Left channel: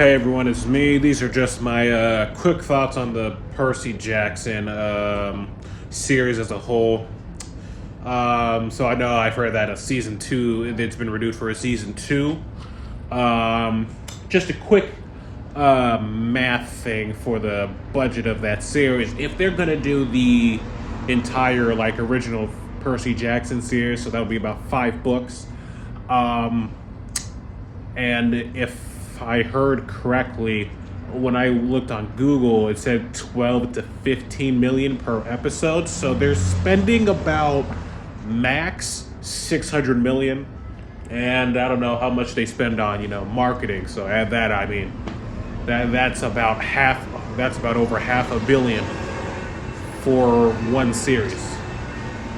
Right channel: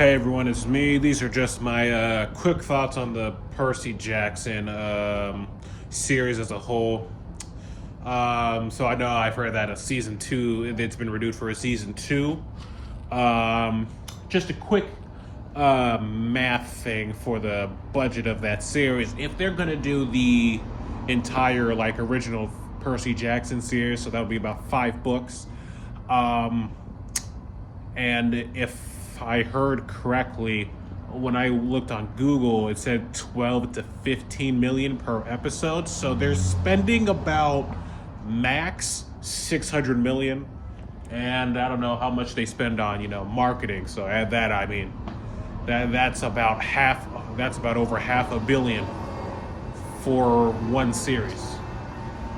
Hey everyone, it's me. These are just my quick thoughts on the Percy Jackson series as a whole. So I know I've heard that a season two, it's been renewed for a season two. Um, just a quick math thing for the budget of that series. If they're gonna do the entire original Percy Jackson series, so that would be about 5 books. Um, and if I heard correctly, when I looked on Google, it said 12 to 15 million per episode. So they're spending about max 600 million. And I don't know how much they spend on, marketing. So add that, that's about over half a billion for one series.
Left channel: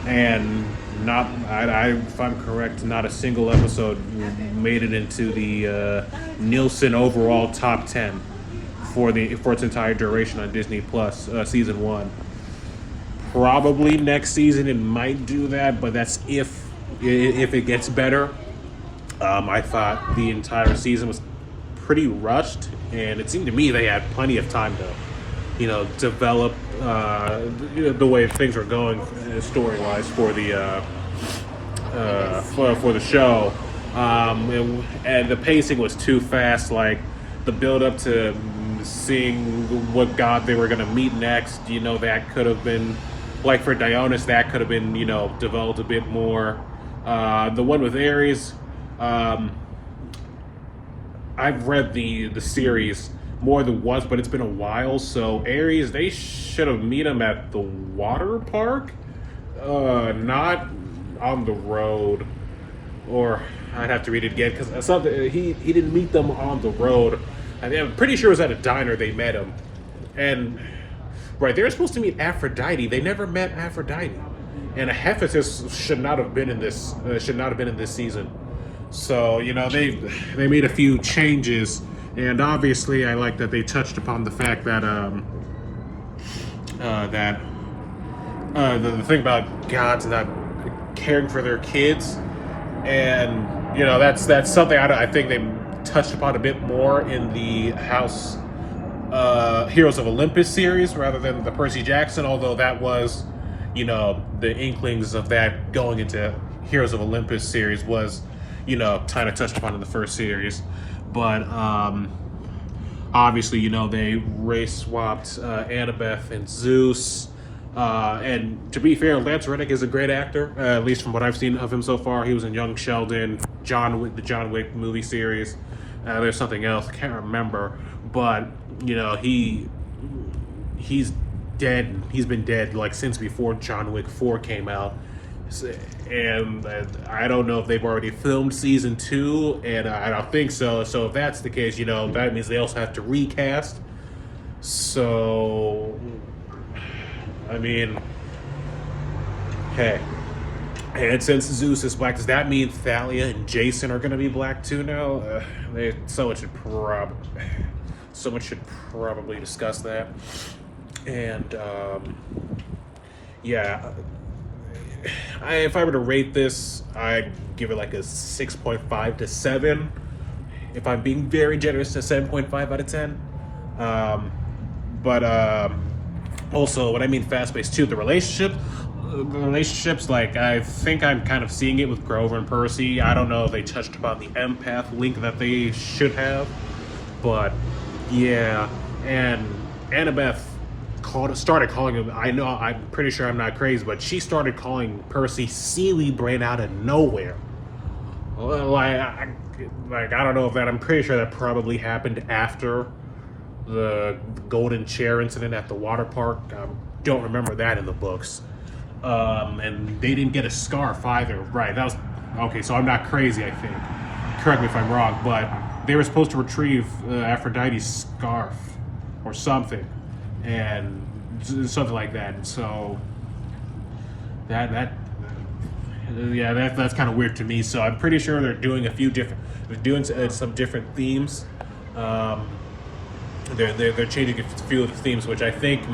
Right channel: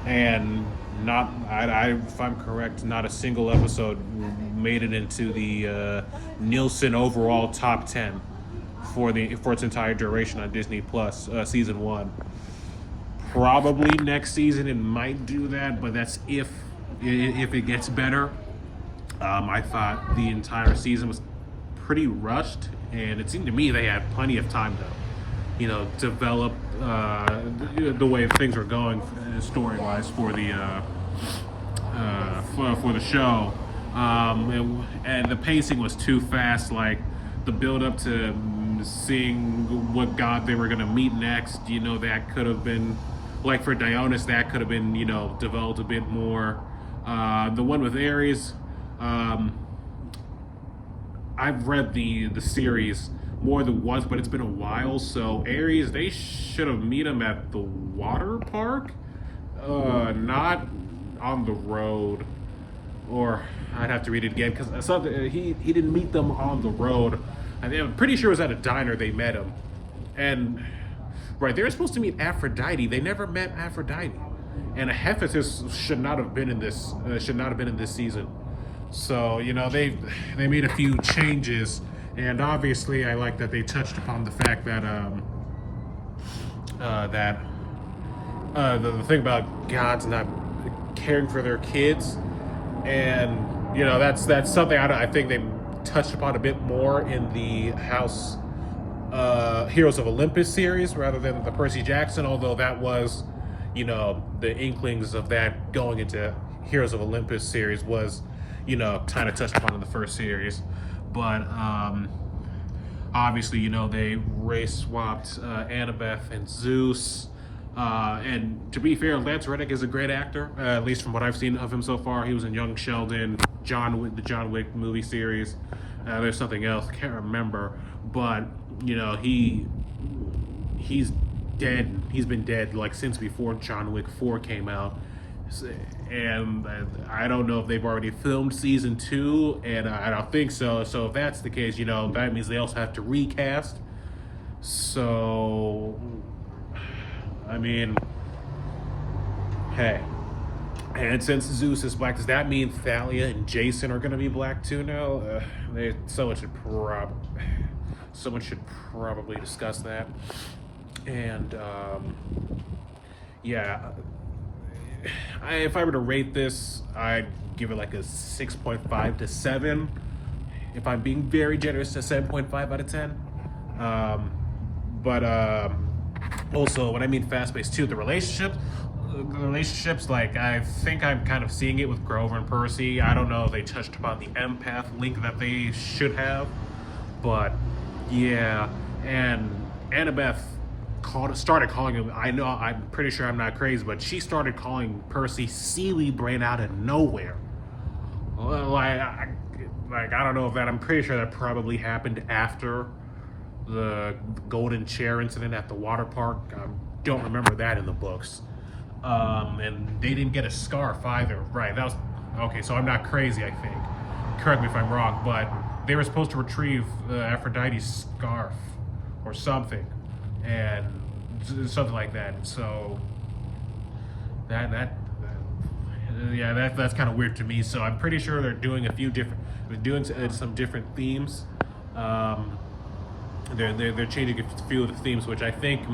And if I'm correct, not a single episode made it into the Nielsen overall top 10 for its entire duration on Disney Plus season one. Probably next season it might do that, but that's if it gets better. I thought the entire season was pretty rushed, and it seemed to me they had plenty of time to develop the way things were going story-wise for the for the show. And the pacing was too fast. Like the build-up to seeing what god they were going to meet next, that could have been, like for Dionys, that could have been developed a bit more. The one with Ares, I've read the series more than once, but it's been a while. So Ares, they should have met him at the water park, not on the road. Or I'd have to read it again because he didn't meet them on the road. I'm pretty sure it was at a diner they met him, and right, they were supposed to meet Aphrodite. They never met Aphrodite, and Hephaestus should not have been in this season. So they made a few changes. And obviously, I like that they touched upon the fact that the thing about gods not caring for their kids, and that's something I think they touched upon a bit more in the Heroes of Olympus series rather than the Percy Jackson. Although that was, the inklings of that going into Heroes of Olympus series was, kind of touched upon in the first series. But obviously, they race swapped Annabeth and Zeus. And to be fair, Lance Reddick is a great actor, at least from what I've seen of him so far. He was in Young Sheldon, the John Wick movie series. There's something else, I can't remember. But, he's dead. He's been dead since before John Wick 4 came out. And I don't know if they've already filmed season 2, and I don't think so. So if that's the case, that means they also have to recast. So, I mean, hey. And since Zeus is black, does that mean Thalia and Jason are going to be black too now? Someone should probably discuss that. And, yeah. If I were to rate this, I'd give it a 6.5 to 7. If I'm being very generous, to 7.5 out of 10. But also, when I mean fast-paced too, the relationships, I think I'm kind of seeing it with Grover and Percy. I don't know if they touched upon the empath link that they should have, but yeah. And Annabeth started calling him, I'm pretty sure I'm not crazy, but she started calling Percy Sealy Brain out of nowhere. I don't know if that, I'm pretty sure that probably happened after the golden chair incident at the water park. Don't remember that in the books. And they didn't get a scarf either. Right, that was, okay, so I'm not crazy, I think. Correct me if I'm wrong, but they were supposed to retrieve Aphrodite's scarf or something. And something like that. So that's kind of weird to me. So I'm pretty sure they're doing some different themes. They're changing a few of the themes, which I think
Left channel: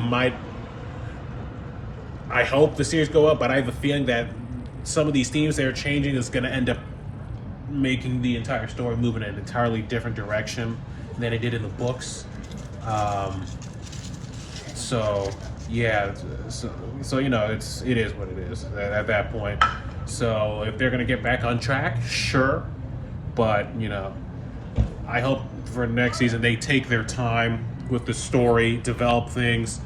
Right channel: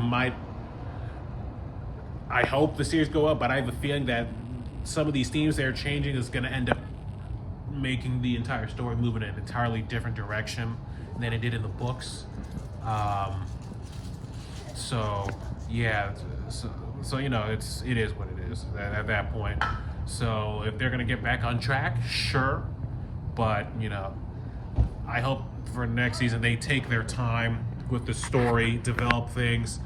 I hope the series go up, but I have a feeling that some of these themes they're changing is going to end up making the entire story move in an entirely different direction. than it did in the books. Um, so yeah, so you know, it is what it is at that point. So if they're gonna get back on track, sure, but you know, I hope for next season they take their time with the story, develop things,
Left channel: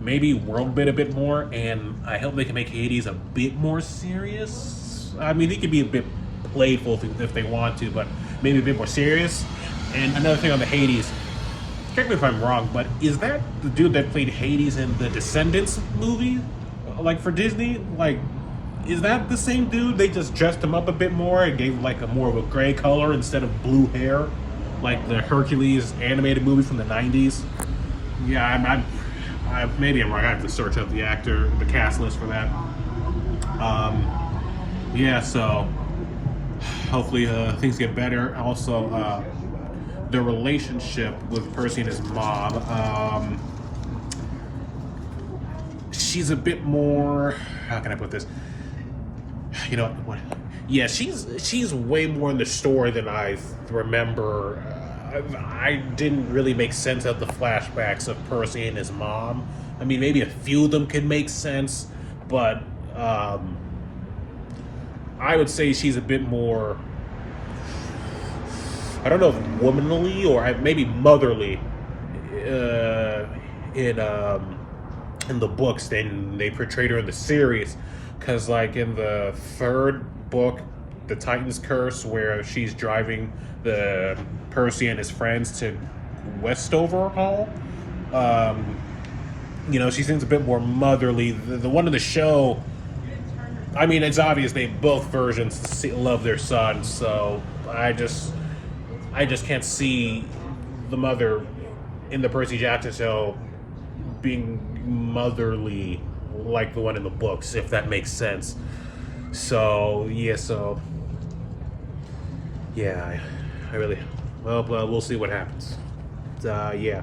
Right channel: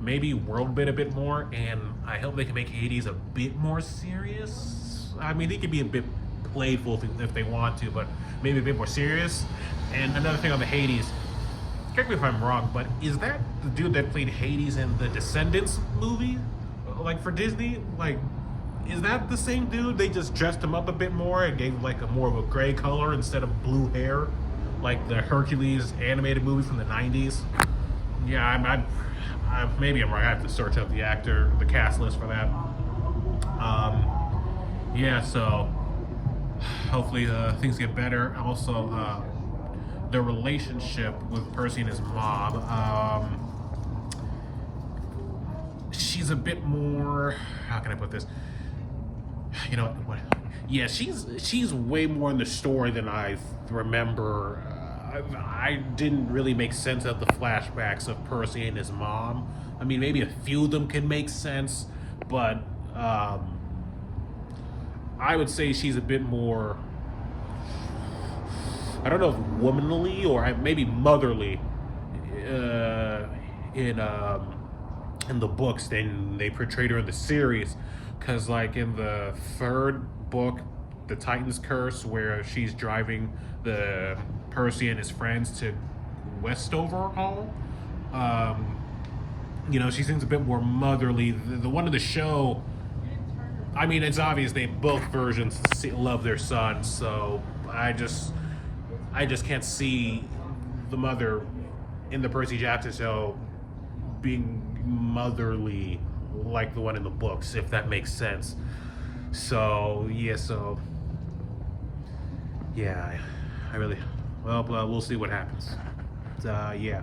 maybe world build a bit more, and I hope they can make Hades a bit more serious. I mean, he can be a bit playful if they want to, but maybe a bit more serious. And another thing on the Hades, correct me if I'm wrong, but is that the dude that played Hades in the Descendants movie, like for Disney? Like, is that the same dude? They just dressed him up a bit more and gave him like a more of a gray color instead of blue hair, like the Hercules animated movie from the '90s. Yeah, maybe I'm wrong. I have to search up the cast list for that. Yeah, so hopefully things get better. Also, the relationship with Percy and his mom. She's a bit more. How can I put this? You know what? Yeah, she's way more in the story than I remember. I didn't really make sense of the flashbacks of Percy and his mom. I mean, maybe a few of them could make sense, but I would say she's a bit more, I don't know if womanly or maybe motherly in the books than they portrayed her in the series. Because like in the third book, the Titan's Curse, where she's driving the Percy and his friends to Westover Hall, you know, she seems a bit more motherly. The one in the show, I mean, it's obvious they both versions love their son, so I just can't see the mother in the Percy Jackson show being motherly like the one in the books, if that makes sense. So yeah, I really, well, we'll see what happens. Yeah.